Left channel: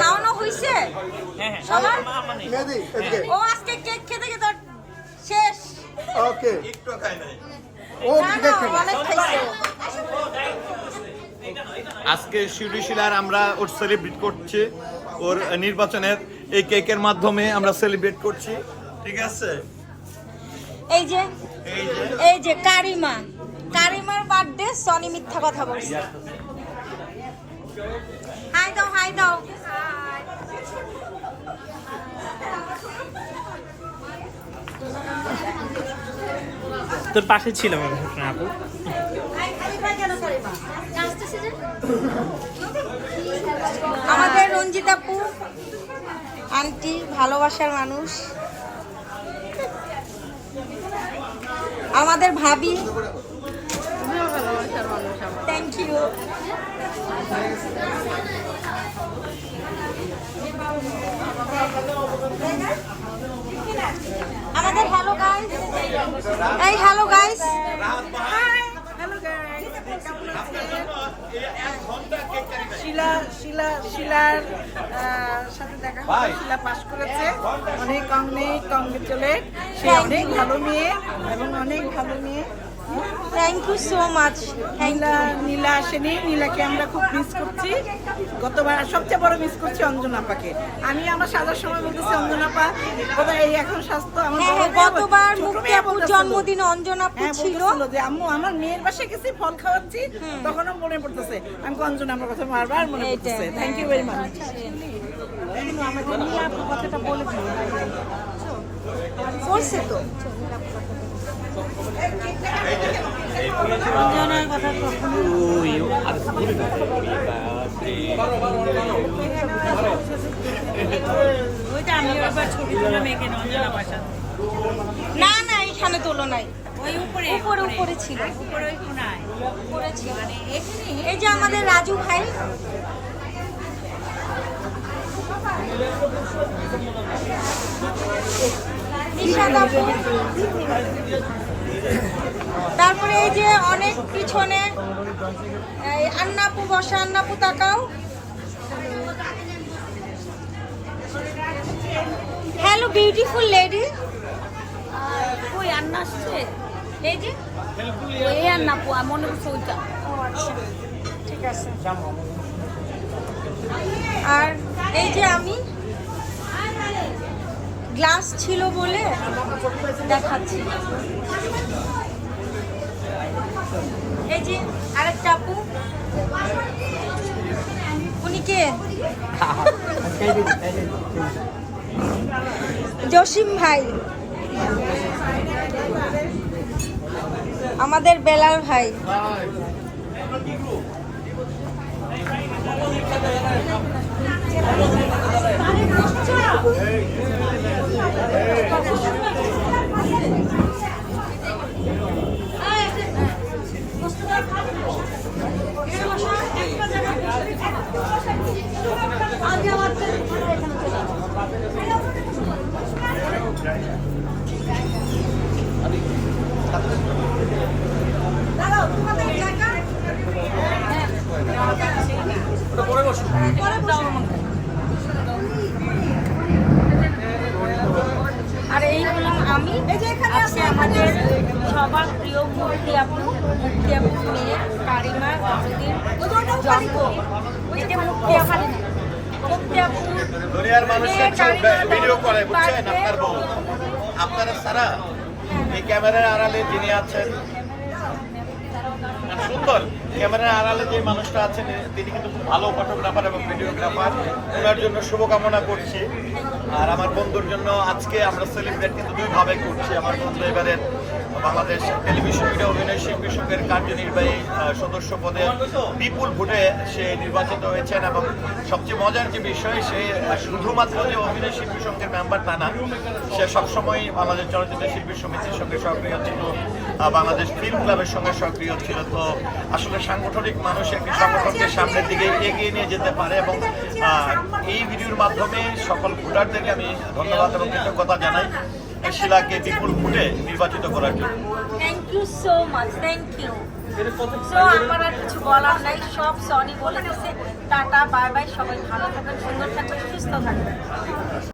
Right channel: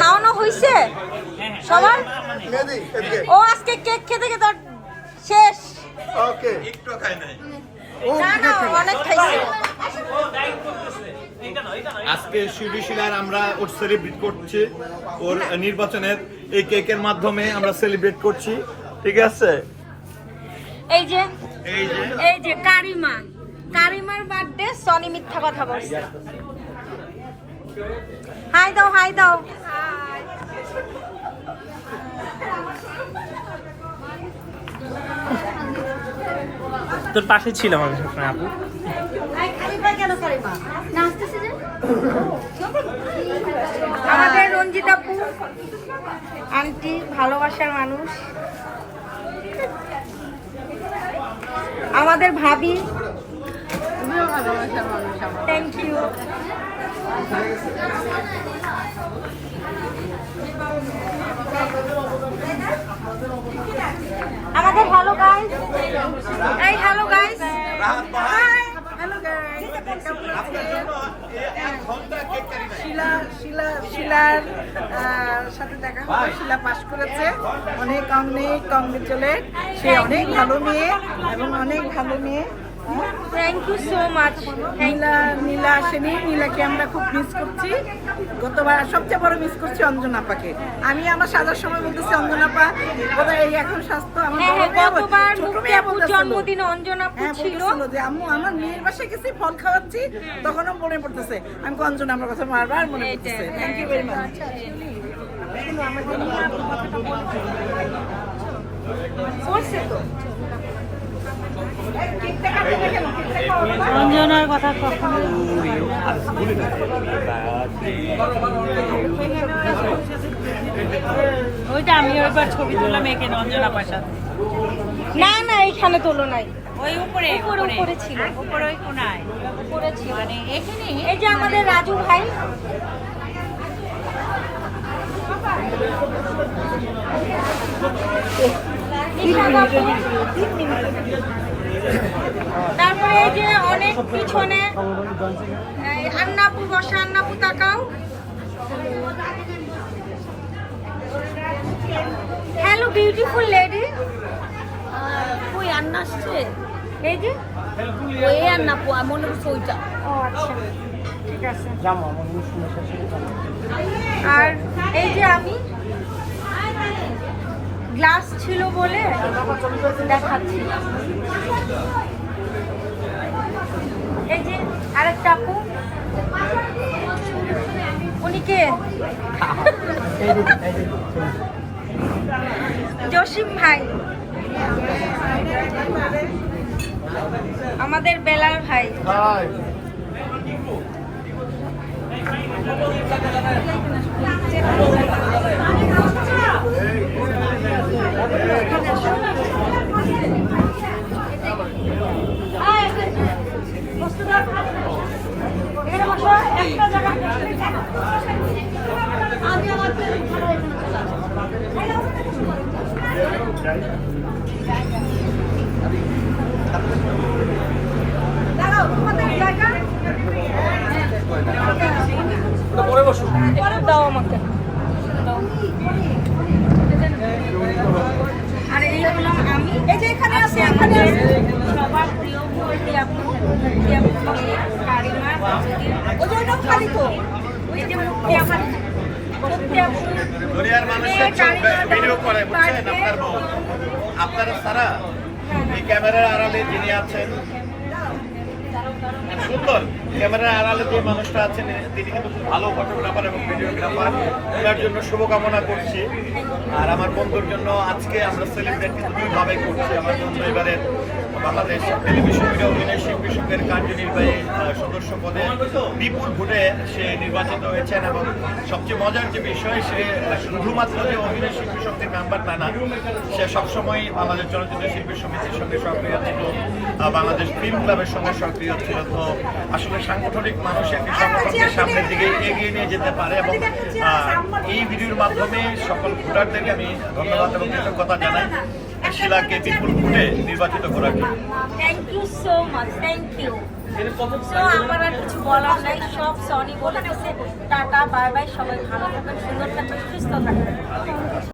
খাওয়ানো হয়েছে সবার? ও আজকে কেক খেতে খেতে শেষ। অনেক খাইছে আজকে শিলার আমরা ওর সেলিব্রেট করছি, ওর নির্বাচনের এই কেকের মাধ্যমে আমরা সেলিব্রেট করছি, ঠিক আছে? এই যে কারিমার বার্থডে। সনি মিথ্যা কথা বলছে। হাই দাও হাই দাও। তোর পাশে ছিলাম আমি আপু। আমাদের রঞ্জিত আপু আন্টি ভালোবাসার মানুষ, আমাদের ভাবি ভালোবাসার মানুষ। Thank you. আমাদের হ্যালো গাইস, এই hello guys, hi hello guys, কেমন আছেন? শিলার সাথে দেখা হলো। শিলা পাশ করেছে। অনেক কংগ্রেচুলেট। সে অনেক ভালো মেয়ে এবং অনেক ভালো মেয়ে। Thank you so much. Nila আসেনি। নীলাকে আমরা খুব মিস করছি। গতবার সবচেয়ে বড় মিস করছি অঞ্জনাপাকে। আমি আমার সাজার সময় বলতেছি অঞ্জনাপা বোধহয় এই এখন স্বাস্থ্য আমার গতবার জন্মদিন অঞ্জনাপু ছিল যে আম্মু আমার মেয়ের বাসায় গেছি ফল খাওয়াচ্ছি, তখনও মনে পড়তেছে। আমি অঞ্জনা আমার কথা বারবার মনে পড়তেছে। Thank you very much. আমাদের নিয়ে আপনি কথাটা বলছে তো অঞ্জনার কথা কখনো ওইটা আমি একবার ছবি তুললাম এখানে অঞ্জনা পাশা। না না এখানে তোলো নাই, ওই উপরে উপরে ছিল, উপরে ওই কোনায় উপরে ছিল। এই যে আমাদের রাজু ভাই, নিশাদ আপু, তারপরে এই যে অনেক পিছনে আন্নাপু বসে। আন্নাপু তাকাও। Hello beautiful lady. ওই আন্না আসছে। এই যে ওই আন্না মনে করছে ওইটা। ও আচ্ছা ঠিক আছে। আর এই যে আমি গ্লাস ছিল বলে দেখাচ্ছি। এই যে আরেকটা আপু, উনি কে? জসিম ভাই, আমাদের বেলাল ভাই। আর এই হলাম আমি। আজকে আমাদের সবার প্রিয় মুক্তি আপু, কারিমা, আপনারা সারা এই ক্যামেরার আড়ালে যিনি আছেন, সুন্দর ক্যামেরার আড়ালে যে মানুষটা আছেন তিনি কিন্তু খুব ভালো ফটোগ্রাফার এবং ভিডিওগ্রাফার। ওনার জন্য শুভকামনা করছি। আর আমার বন্ধুর জন্য আজকে আমরা সেলিব্রেট কিন্তু দুইভাবে করছি। আমার বন্ধু এবারে বাংলাদেশ টেলিভিশন মিডিয়া অভিনয় শিল্পী সংঘের কার্যনির্বাহী সদস্য পদে বিপুল ভোটে সে নির্বাচিত হয়েছেন এবং সবচেয়ে মজার যে বিষয়, সে শুধুমাত্র যে অভিনয় শিল্পী সংঘের মেম্বার তা না, সে সবসময় বাংলাদেশ চলচ্চিত্র শিল্পী সমিতির সঙ্গে সক্রিয় ছিল, বাংলাদেশ ফিল্ম ক্লাবের সঙ্গে সক্রিয় ছিল। তো আসলে সাংগঠনিক মানুষ একটি সংগঠনকে সামনের দিকে এগিয়ে নিয়ে যেতে পারে এবং এই ভিডিওর মাধ্যমে সকল ভোটারদেরকে আমি ধন্যবাদ এবং কৃতজ্ঞতা জানাই। শিলাকে বিপুল ভোটে নির্বাচিত করার জন্য। Thank you so much, thank you. So আমার আর কিছু বলার নাই, সব সনি বলে দিছে। টাটা, বাই বাই, সবাই ভালো থাকবেন, সুন্দর থাকবেন, সুস্থ থাকবেন।